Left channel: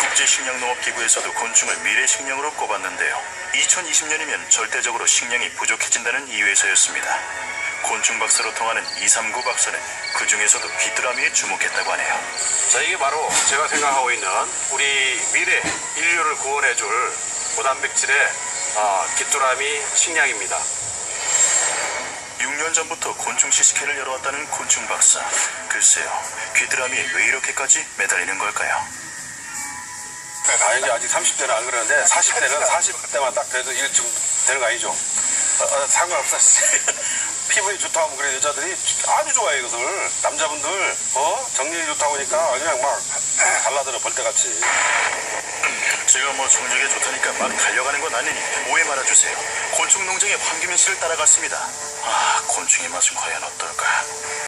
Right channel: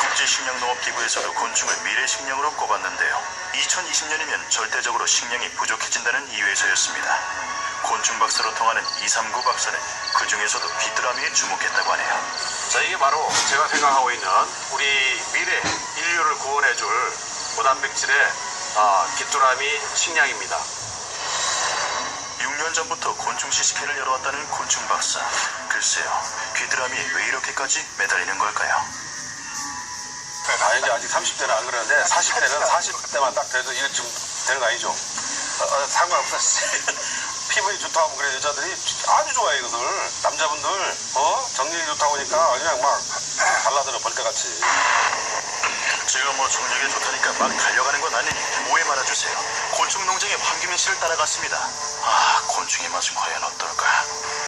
국제식량농업기구에서도 곤충을 미래 식량으로 꼽았는데요. 2020년이면 절대적으로 식량이 부족해진다는 이유에서였습니다. 곤충 박사로 통하는 239 박사는 그 중에서도 귀뚜라미에 주목했다고 하네요. 자, 이게 바로 제가 생각하고 있는 우리 미래 인류를 구원해줄 고단백질의 아, 귀뚜라미 식량입니다. 6년 전부터 곤충 시식회를 열어왔다는 곤충 박사. 글쎄요, 귀뚜라미에 왜 이렇게까지 매달리는 걸까요? 다행히 아직 30대는 안 그러는데 40대는 40대만 딱 돼도 일좀 되는 거 아니죠? 어, 어, 상관없어. 피부에 좋다고 하면 그래 여자들이 아주 좋아해 이것을 남자분들 어 정력이 좋다고 하니까 그냥 막 발라들어 벌떼같이 제가 뭐 정력에 좋다니까 막 달려가는 건 아니니 오해 말아주세요. 곤충 농장의 황규민 씨를 따라갔습니다. 아, 곤충의 맛은 과연 어떨까?